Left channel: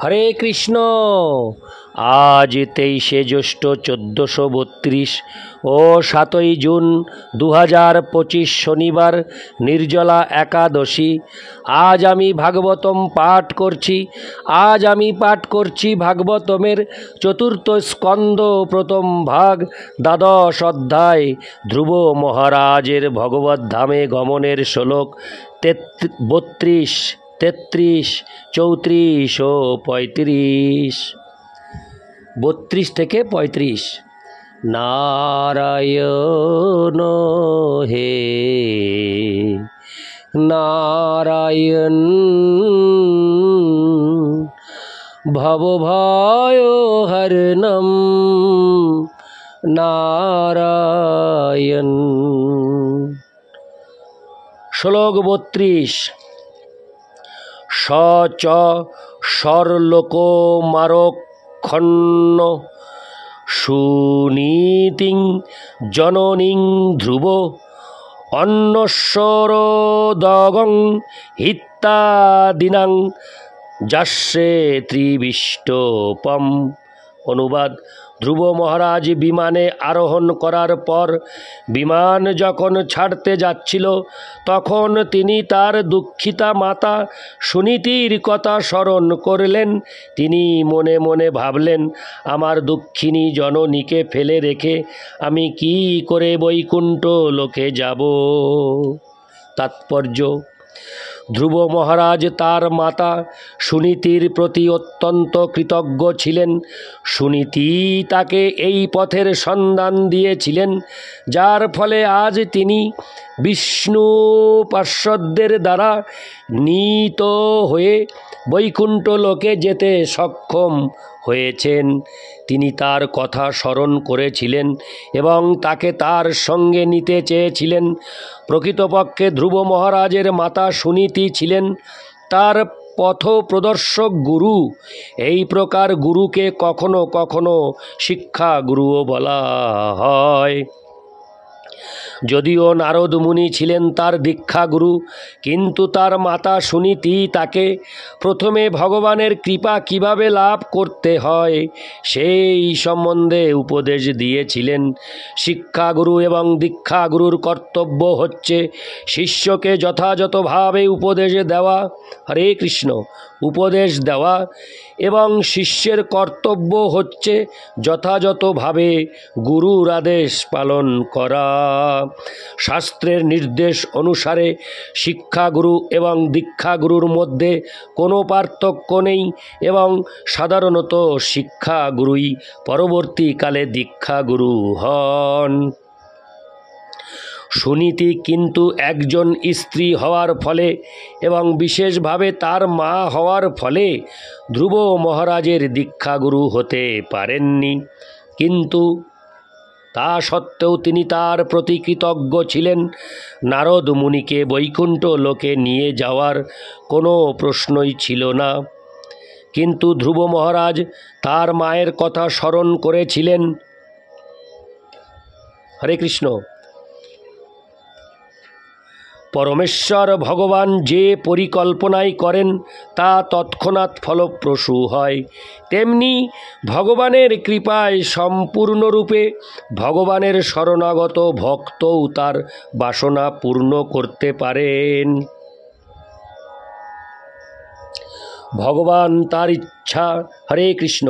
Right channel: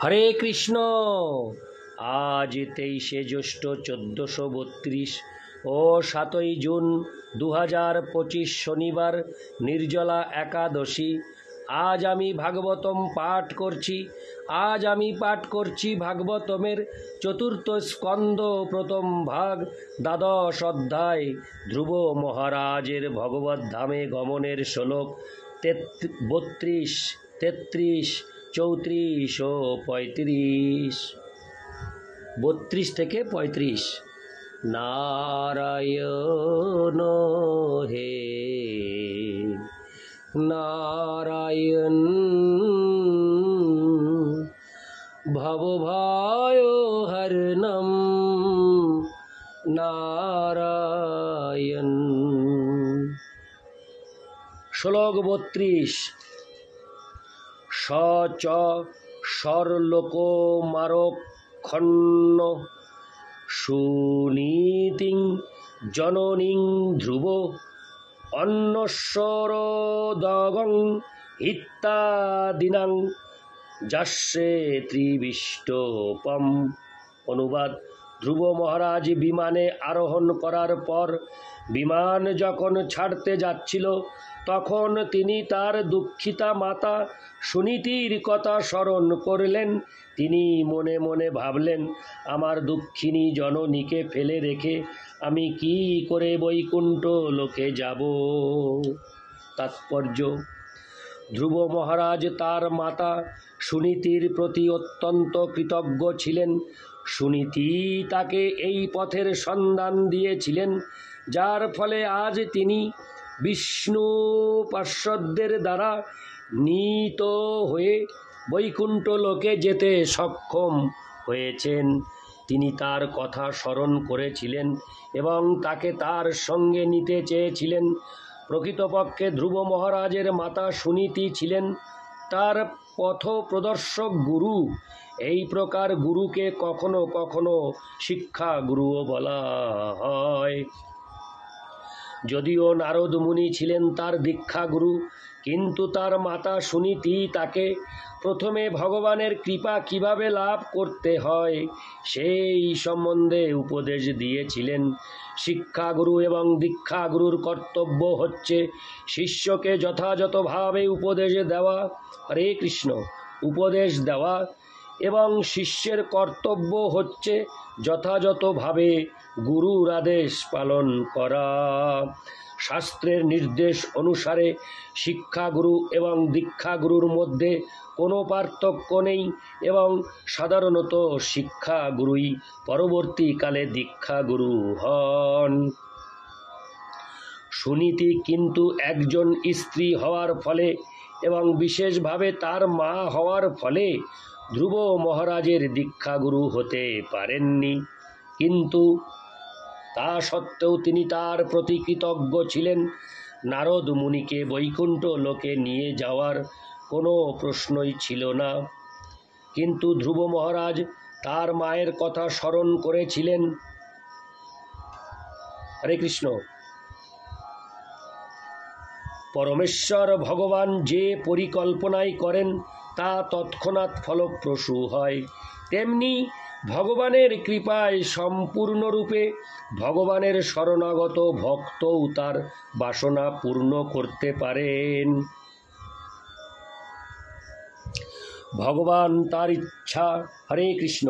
হরে কৃষ্ণ। আজ 23শে জ্যৈষ্ঠ 1432 ও 7ই জুন 2025 শনিবার নির্জলা একাদশী। আজ আমি ভাগবতম পাঠ করছি। ভাগবতমের চতুর্থ স্কন্দ প্রথম ভাগ দ্বাদশ অধ্যায় ধ্রুব মহারাজের ভগবত ধামে গমনের শ্লোক 32, 33, 34 ও 35। 32 থেকে 35। নারায়ণ হে নারায়ণ, ভবভয় হরণম নারায়ণ। শ্লোক 32। স চ সরলোকো মারক্ষণ্য সুনীতিং জননীং ধ্রুব অন্নস্বরোদগং হিত্যাদিনাং যাস্যে ত্রিবিষ্টপম। অনুবাদ: ধ্রুব মহারাজ বিমানে আরোহণ করার পর বিমান যখন ছাড়তে যাচ্ছিল তখন তিনি তার দুঃখিতা মাতা সুনীতির কথা স্মরণ করলেন। তিনি মনে মনে ভাবলেন, আমার দুঃখিনী জননীকে ফেলে রেখে আমি কি করে বৈকুণ্ঠ লোকে যাব। তাৎপর্য: ধ্রুব মহারাজ তার মাতা সুনীতির প্রতি অত্যন্ত কৃতজ্ঞ ছিলেন। সুনীতি তাকে এই পথের সন্ধান দিয়েছিলেন, যার ফলে আজ তিনি বিষ্ণু পার্ষদদের দ্বারা নীত হয়ে বৈকুণ্ঠ লোকে যেতে সক্ষম হয়েছেন। তিনি তার কথা স্মরণ করেছিলেন এবং তাকে তার সঙ্গে নিতে চেয়েছিলেন। প্রকৃতপক্ষে ধ্রুব মহারাজের মাতা সুনীতি ছিলেন তার পথপ্রদর্শক গুরু। এই প্রকার গুরুকে কখনো কখনো শিক্ষা গুরুও বলা হয়। যদিও নারদ মুনি ছিলেন তার দীক্ষাগুরু, কিন্তু তার মাতা সুনীতি তাকে প্রথমে ভগবানের কৃপা কিভাবে লাভ করতে হয় সেই সম্বন্ধে উপদেশ দিয়েছিলেন। শিক্ষাগুরু এবং দীক্ষাগুরুর কর্তব্য হচ্ছে শিষ্যকে যথাযথভাবে উপদেশ দেওয়া। হরে কৃষ্ণ। উপদেশ দেওয়া এবং শিষ্যের কর্তব্য হচ্ছে যথাযথভাবে গুরুর আদেশ পালন করা। শাস্ত্রের নির্দেশ অনুসারে শিক্ষাগুরু এবং দীক্ষাগুরুর মধ্যে কোনো পার্থক্য নেই এবং সাধারণত শিক্ষাগুরুই পরবর্তীকালে দীক্ষাগুরু হন। সুনীতি কিন্তু একজন স্ত্রী হওয়ার ফলে এবং বিশেষভাবে তার মা হওয়ার ফলে ধ্রুব মহারাজের দীক্ষাগুরু হতে পারেননি, কিন্তু তা সত্ত্বেও তিনি তার প্রতি কৃতজ্ঞ ছিলেন। নারদ মুনিকে বৈকুণ্ঠ লোকে নিয়ে যাওয়ার কোনো প্রশ্নই ছিল না, কিন্তু ধ্রুব মহারাজ তার মায়ের কথা স্মরণ করেছিলেন। হরে কৃষ্ণ। পরমেশ্বর ভগবান যে পরিকল্পনাই করেন তা তৎক্ষণাৎ ফলপ্রসূ হয়। তেমনি ভগবানের কৃপায় সম্পূর্ণরূপে ভগবানের শরণাগত ভক্তও তার বাসনা পূর্ণ করতে পারেন। ভগবান তার ইচ্ছা হরে কৃষ্ণ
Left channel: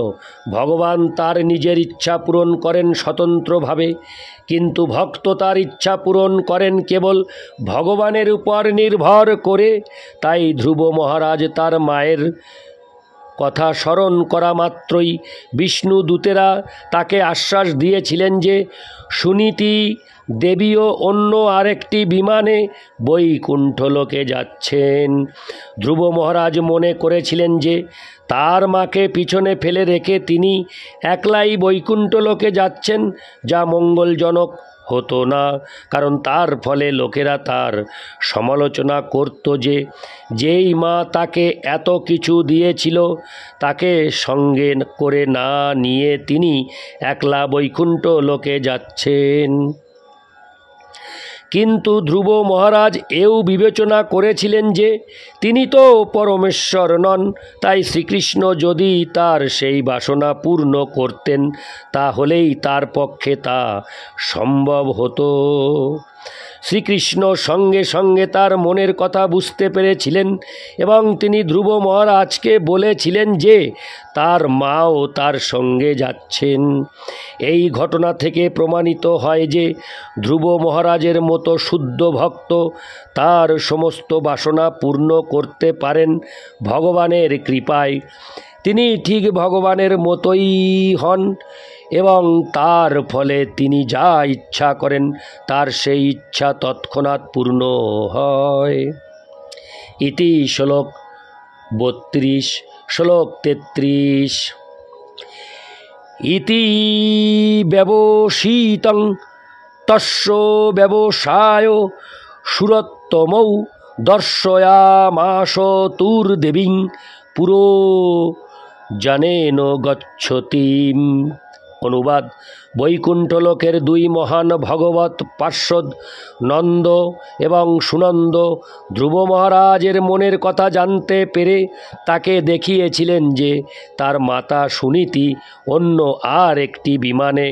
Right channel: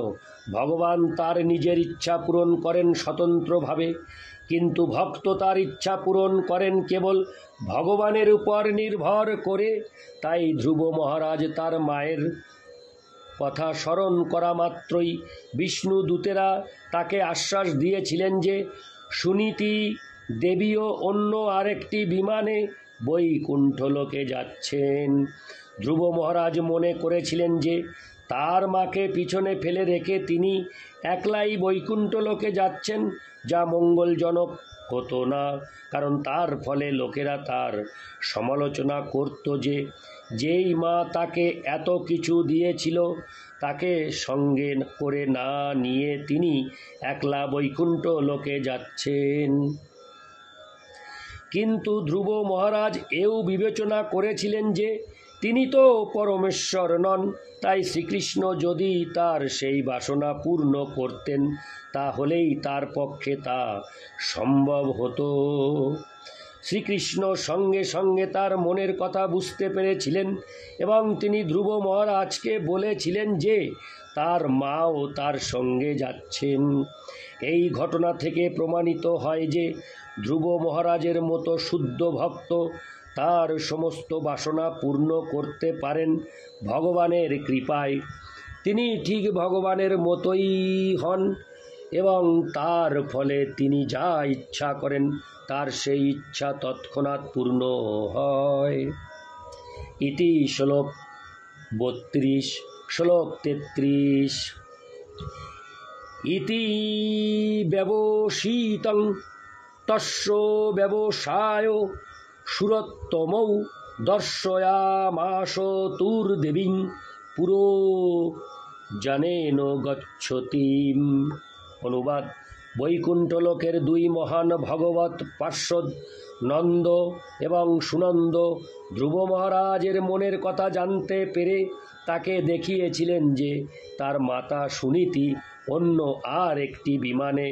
ভগবান তার নিজের ইচ্ছা পূরণ করেন স্বতন্ত্রভাবে, কিন্তু ভক্ত তার ইচ্ছা পূরণ করেন কেবল ভগবানের উপর নির্ভর করে। তাই ধ্রুব মহারাজ তার মায়ের কথা স্মরণ করা মাত্রই বিষ্ণু দূতেরা তাকে আশ্বাস দিয়েছিলেন যে সুনীতি দেবীও অন্য আরেকটি বিমানে বৈকুণ্ঠ লোকে যাচ্ছেন। ধ্রুব মহারাজ মনে করেছিলেন যে তার মাকে পিছনে ফেলে রেখে তিনি একলাই বৈকুণ্ঠ লোকে যাচ্ছেন, যা মঙ্গলজনক হতো না, কারণ তার ফলে লোকেরা তার সমালোচনা করত যে যেই মা তাকে এত কিছু দিয়েছিল তাকে সঙ্গে করে না নিয়ে তিনি একলা বৈকুণ্ঠ লোকে যাচ্ছেন। কিন্তু ধ্রুব মহারাজ এও বিবেচনা করেছিলেন যে তিনি তো পরমেশ্বর নন, তাই শ্রীকৃষ্ণ যদি তার সেই বাসনা পূর্ণ করতেন তাহলেই তার পক্ষে তা সম্ভব হতো। শ্রীকৃষ্ণ সঙ্গে সঙ্গে তার মনের কথা বুঝতে পেরেছিলেন এবং তিনি ধ্রুব মহারাজকে বলেছিলেন যে তার মাও তার সঙ্গে যাচ্ছেন। এই ঘটনা থেকে প্রমাণিত হয় যে ধ্রুব মহারাজের মতো শুদ্ধ ভক্ত তার সমস্ত বাসনা পূর্ণ করতে পারেন ভগবানের কৃপায়। তিনি ঠিক ভগবানের মতোই হন এবং তার ফলে তিনি যা ইচ্ছা করেন তার সেই ইচ্ছা তৎক্ষণাৎ পূর্ণ হয়। ইতি শ্লোক 32। শ্লোক 33। ইতি ব্যবসিতং তস্য ব্যবসায় সুরোত্তমৌ দর্শয়ামাস তুর্দেবীং পুরো জানেন গচ্ছতিম। অনুবাদ: বৈকুণ্ঠলোকের দুই মহান ভগবত পার্ষদ নন্দ এবং সুনন্দ ধ্রুব মহারাজের মনের কথা জানতে পেরে তাকে দেখিয়েছিলেন যে তার মাতা সুনীতি অন্য আর একটি বিমানে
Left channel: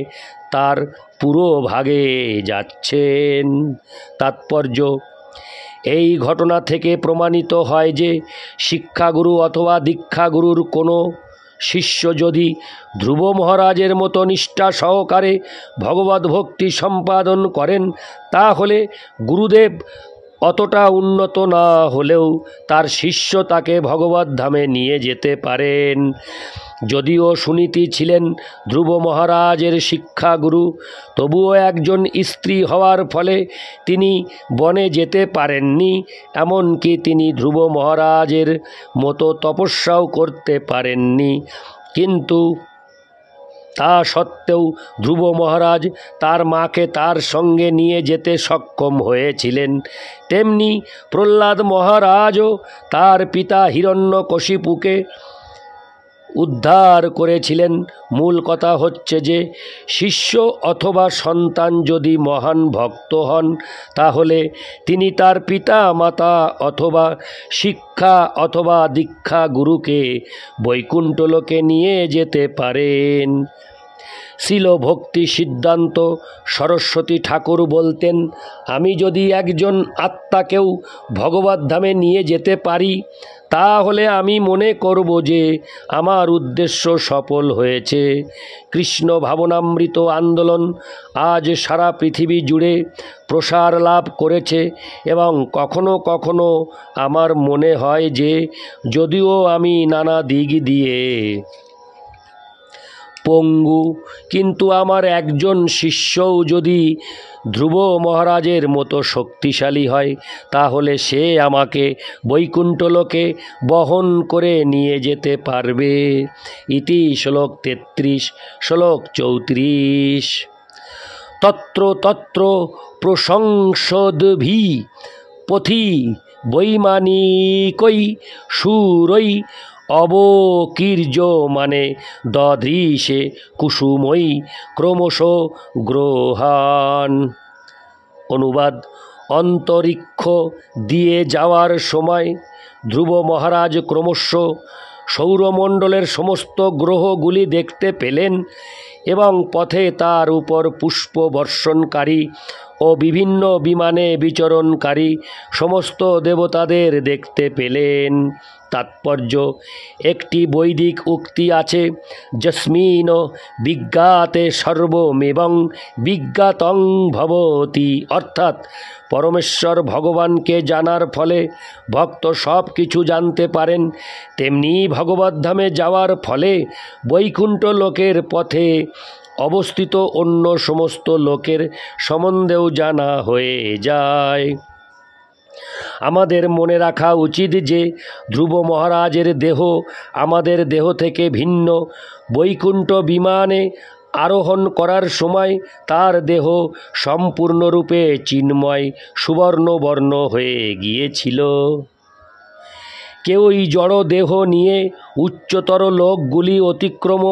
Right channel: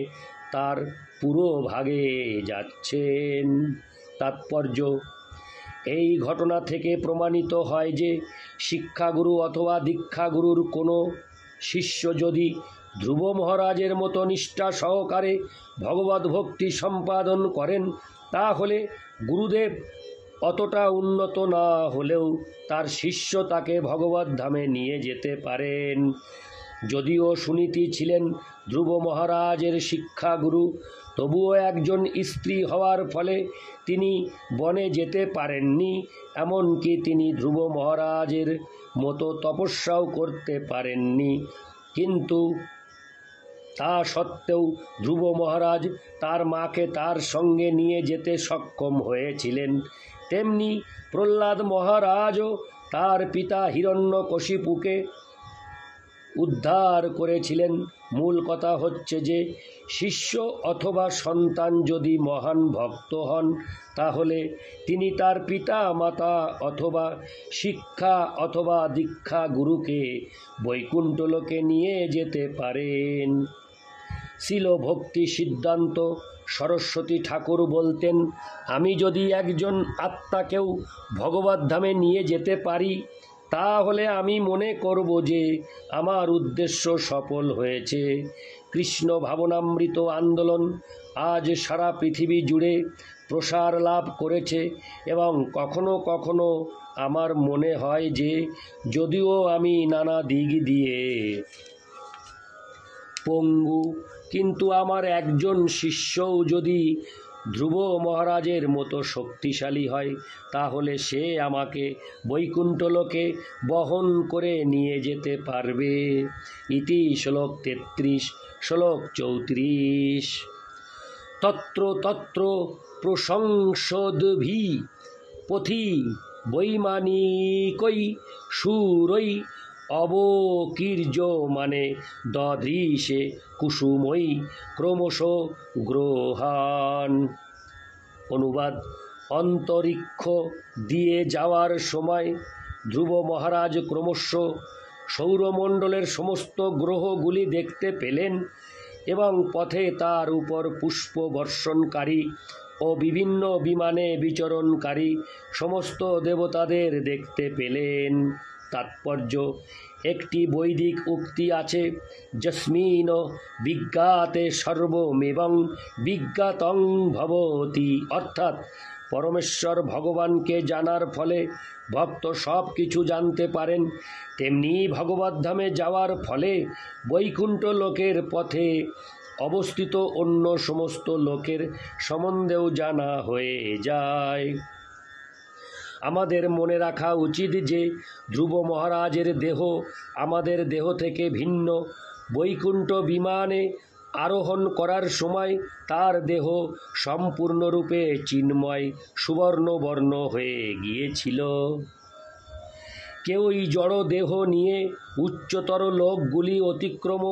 তার পুরো ভাগে যাচ্ছেন। তাৎপর্য: এই ঘটনা থেকে প্রমাণিত হয় যে শিক্ষাগুরু অথবা দীক্ষাগুরুর কোনো শিষ্য যদি ধ্রুব মহারাজের মতো নিষ্ঠা সহকারে ভগবত ভক্তি সম্পাদন করেন তাহলে গুরুদেব অতটা উন্নত না হলেও তার শিষ্য তাকে ভগবত ধামে নিয়ে যেতে পারেন। যদিও সুনীতি ছিলেন ধ্রুব মহারাজের শিক্ষাগুরু, তবুও একজন স্ত্রী হওয়ার ফলে তিনি বনে যেতে পারেননি, এমনকি তিনি ধ্রুব মহারাজের মতো তপস্যাও করতে পারেননি। কিন্তু তা সত্ত্বেও ধ্রুব মহারাজ তার মাকে তার সঙ্গে নিয়ে যেতে সক্ষম হয়েছিলেন। তেমনি প্রহ্লাদ মহারাজও তার পিতা হিরণ্যকশিপুকে উদ্ধার করেছিলেন। মূল কথা হচ্ছে যে শিষ্য অথবা সন্তান যদি মহান ভক্ত হন তাহলে তিনি তার পিতা মাতা অথবা শিক্ষা অথবা দীক্ষা গুরুকে বৈকুণ্ঠলোকে নিয়ে যেতে পারেন। শিল ভক্তি সিদ্ধান্ত সরস্বতী ঠাকুর বলতেন, আমি যদি একজন আত্মাকেও ভগবত ধামে নিয়ে যেতে পারি তাহলে আমি মনে করব যে আমার উদ্দেশ্য সফল হয়েছে। কৃষ্ণ ভাবনামৃত আন্দোলন আজ সারা পৃথিবী জুড়ে প্রসার লাভ করেছে এবং কখনো কখনো আমার মনে হয় যে যদিও আমি নানা দিক দিয়ে পঙ্গু, কিন্তু আমার একজন শিষ্যও যদি ধ্রুব মহারাজের মতো শক্তিশালী হয় তাহলে সে আমাকে বৈকুণ্ঠলোকে বহন করে নিয়ে যেতে পারবে। ইতি শ্লোক 33। শ্লোক 34। তত্র তত্র প্রশংসদ্ভি পথি বৈমানিকৈ শূরৈ অবকীর্য মানে দদৃশে কুসুমৈ ক্রমশ গ্রহান। অনুবাদ: অন্তরিক্ষ দিয়ে যাওয়ার সময় ধ্রুব মহারাজ ক্রমশ সৌরমণ্ডলের সমস্ত গ্রহগুলি দেখতে পেলেন এবং পথে তার উপর পুষ্প বর্ষণকারী ও বিভিন্ন বিমানে বিচরণকারী সমস্ত দেবতাদের দেখতে পেলেন। তাৎপর্য: একটি বৈদিক উক্তি আছে, যস্মিন বিজ্ঞাতে সর্বমেবং বিজ্ঞাতং ভবতি, অর্থাৎ পরমেশ্বর ভগবানকে জানার ফলে ভক্ত সব কিছু জানতে পারেন। তেমনি ভগবদ্ধামে যাওয়ার ফলে বৈকুণ্ঠ লোকের পথে অবস্থিত অন্য সমস্ত লোকের সম্বন্ধেও জানা হয়ে যায়। আমাদের মনে রাখা উচিত যে ধ্রুব মহারাজের দেহ আমাদের দেহ থেকে ভিন্ন। বৈকুণ্ঠ বিমানে আরোহণ করার সময় তার দেহ সম্পূর্ণরূপে চিন্ময় সুবর্ণবর্ণ হয়ে গিয়েছিল। কেউই জড় দেহ নিয়ে উচ্চতর লোকগুলি অতিক্রম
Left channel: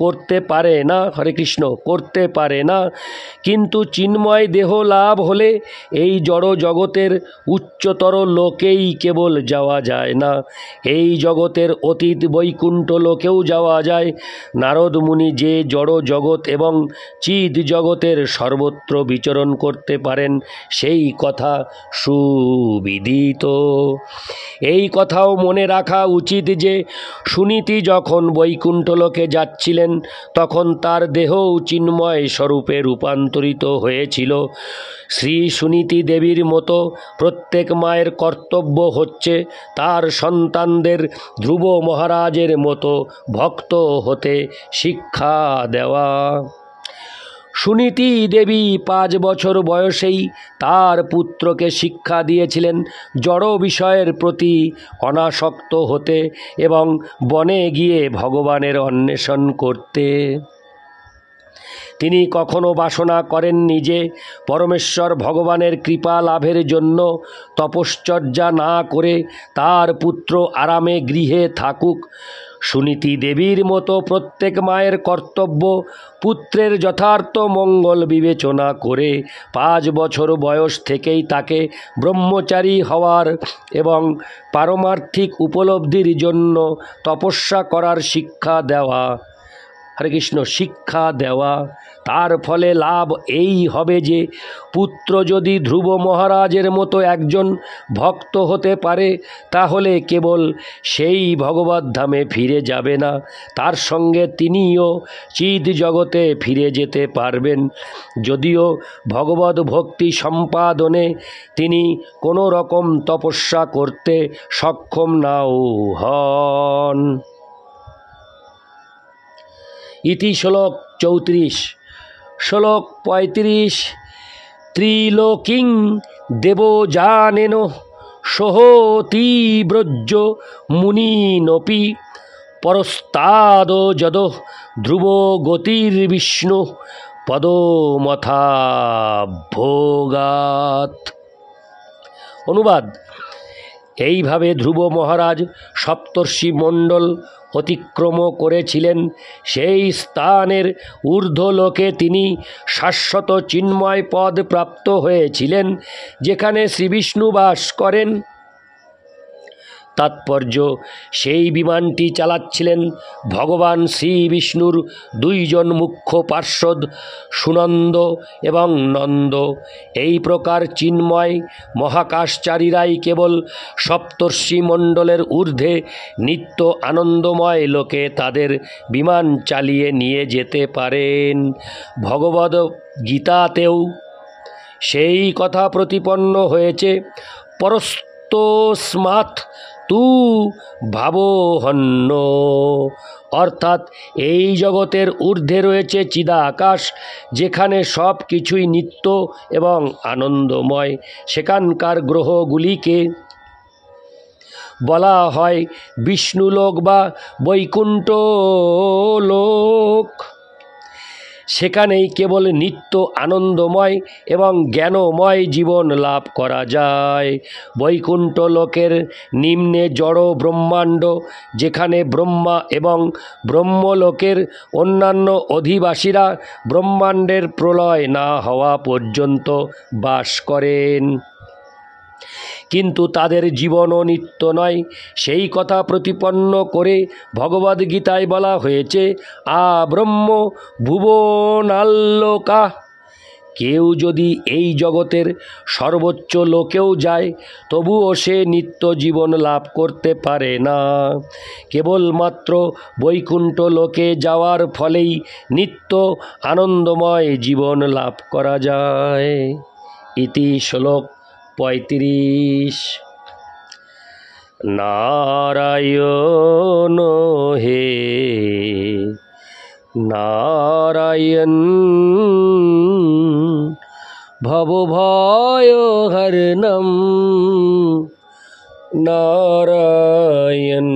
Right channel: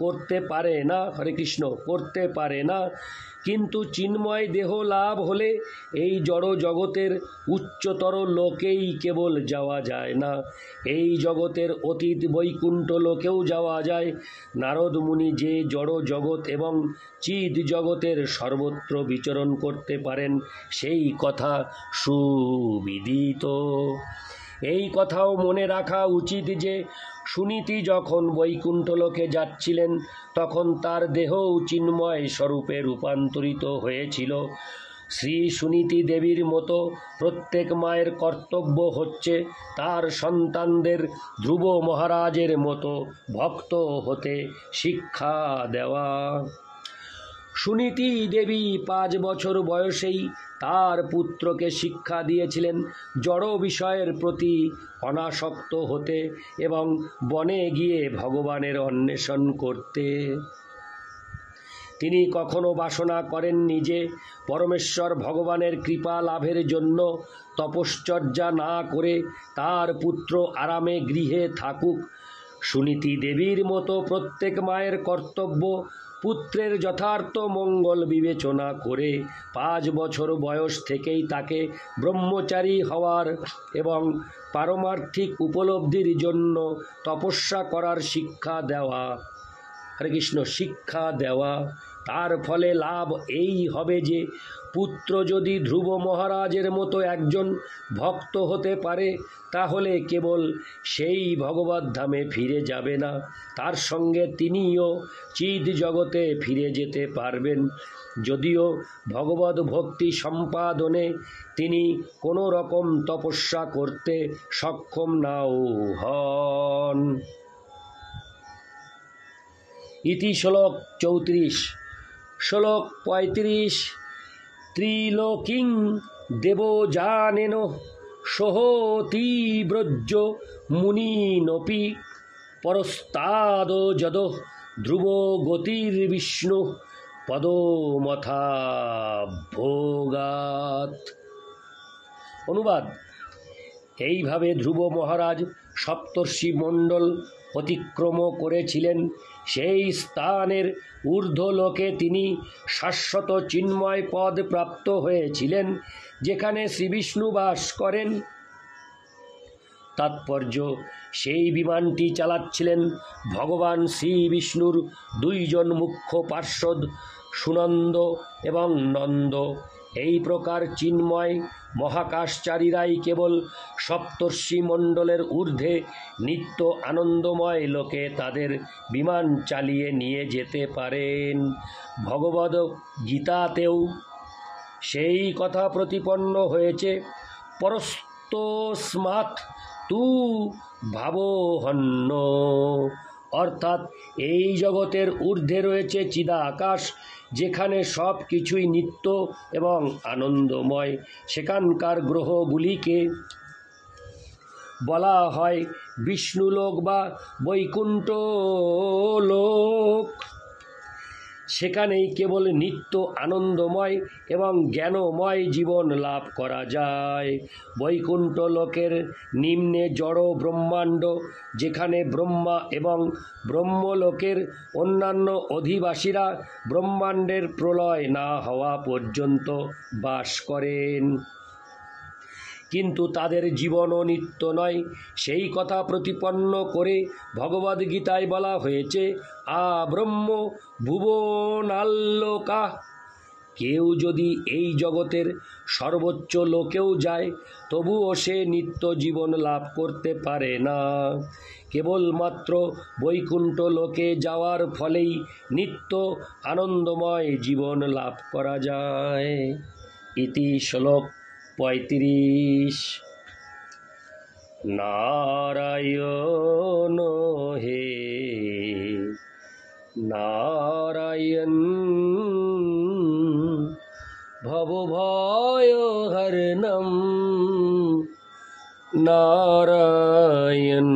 করতে পারে না, হরে কৃষ্ণ, করতে পারে না। কিন্তু চিন্ময় দেহ লাভ হলে এই জড় জগতের উচ্চতর লোকেই কেবল যাওয়া যায় না, এই জগতের অতীত বৈকুণ্ঠ লোকেও যাওয়া যায়। নারদ মুনি যে জড় জগৎ এবং চিদ জগতের সর্বত্র বিচরণ করতে পারেন সেই কথা সুবিদিত। এই কথাও মনে রাখা উচিত যে সুনীতি যখন বৈকুণ্ঠ লোকে যাচ্ছিলেন তখন তার দেহও চিন্ময় স্বরূপে রূপান্তরিত হয়েছিল। শ্রী সুনীতি দেবীর মতো প্রত্যেক মায়ের কর্তব্য হচ্ছে তার সন্তানদের ধ্রুব মহারাজের মতো ভক্ত হতে শিক্ষা দেওয়া। সুনীতি দেবী 5 বছর বয়সেই তার পুত্রকে শিক্ষা দিয়েছিলেন জড় বিষয়ের প্রতি অনাসক্ত হতে এবং বনে গিয়ে ভগবানের অন্বেষণ করতে। তিনি কখনো বাসনা করেননি যে পরমেশ্বর ভগবানের কৃপা লাভের জন্য তপশ্চর্যা না করে তার পুত্র আরামে গৃহে থাকুক। সুনীতি দেবীর মতো প্রত্যেক মায়ের কর্তব্য পুত্রের যথার্থ মঙ্গল বিবেচনা করে 5 বছর বয়স থেকেই তাকে ব্রহ্মচারী হওয়ার এবং পারমার্থিক উপলব্ধির জন্য তপস্যা করার শিক্ষা দেওয়া। হরে কৃষ্ণ, শিক্ষা দেওয়া। তার ফলে লাভ এই হবে যে পুত্র যদি ধ্রুব মহারাজের মতো একজন ভক্ত হতে পারে তাহলে কেবল সেই ভগবদ্ধামে ফিরে যাবে না, তার সঙ্গে তিনিও চিদ জগতে ফিরে যেতে পারবেন। যদিও ভগবদ ভক্তি সম্পাদনে তিনি কোনো রকম তপস্যা করতে সক্ষম নাও হন। ইতি শ্লোক 34। শ্লোক 35। ত্রিলোকিং দেবযানেন সহতি ব্রজ মুনিনপি পরস্তাদ যদ ধ্রুব গতির্বিষ্ণু পদমথাভোগাত। অনুবাদ: এইভাবে ধ্রুব মহারাজ সপ্তর্ষি মণ্ডল অতিক্রম করেছিলেন। সেই স্থানের ঊর্ধ্বলোকে তিনি শাশ্বত চিন্ময় পদ প্রাপ্ত হয়েছিলেন, যেখানে শ্রীবিষ্ণু বাস করেন। তাৎপর্য: সেই বিমানটি চালাচ্ছিলেন ভগবান শ্রী বিষ্ণুর 2 জন মুখ্য পার্ষদ সুনন্দ এবং নন্দ। এই প্রকার চিন্ময় মহাকাশচারীরাই কেবল সপ্তর্ষি মণ্ডলের ঊর্ধ্বে নিত্য আনন্দময় লোকে তাদের বিমান চালিয়ে নিয়ে যেতে পারেন। ভগবদ গীতাতেও সেই কথা প্রতিপন্ন হয়েছে। পরস্তস্মাৎ তু ভাবহন্য, অর্থাৎ এই জগতের ঊর্ধ্বে রয়েছে চিদাকাশ, যেখানে সব কিছুই নিত্য এবং আনন্দময়। সেখানকার গ্রহগুলিকে বলা হয় বিষ্ণুলোক বা বৈকুণ্ঠ লোক। সেখানেই কেবল নিত্য আনন্দময় এবং জ্ঞানময় জীবন লাভ করা যায়। বৈকুণ্ঠ লোকের নিম্নে জড় ব্রহ্মাণ্ড, যেখানে ব্রহ্মা এবং ব্রহ্মলোকের অন্যান্য অধিবাসীরা ব্রহ্মাণ্ডের প্রলয় না হওয়া পর্যন্ত বাস করেন, কিন্তু তাদের জীবনও নিত্য নয়। সেই কথা প্রতিপন্ন করে ভগবদ্গীতায় বলা হয়েছে আব্রহ্ম ভুবনাল্লোকা। কেউ যদি এই জগতের সর্বোচ্চ লোকেও যায় তবুও সে নিত্য জীবন লাভ করতে পারে না। কেবলমাত্র বৈকুণ্ঠ লোকে যাওয়ার ফলেই নিত্য আনন্দময় জীবন লাভ করা যায়। ইতি শ্লোক 35। নারায়ণ হে নারায়ণ ভবভয়হরণম নারায়ণ।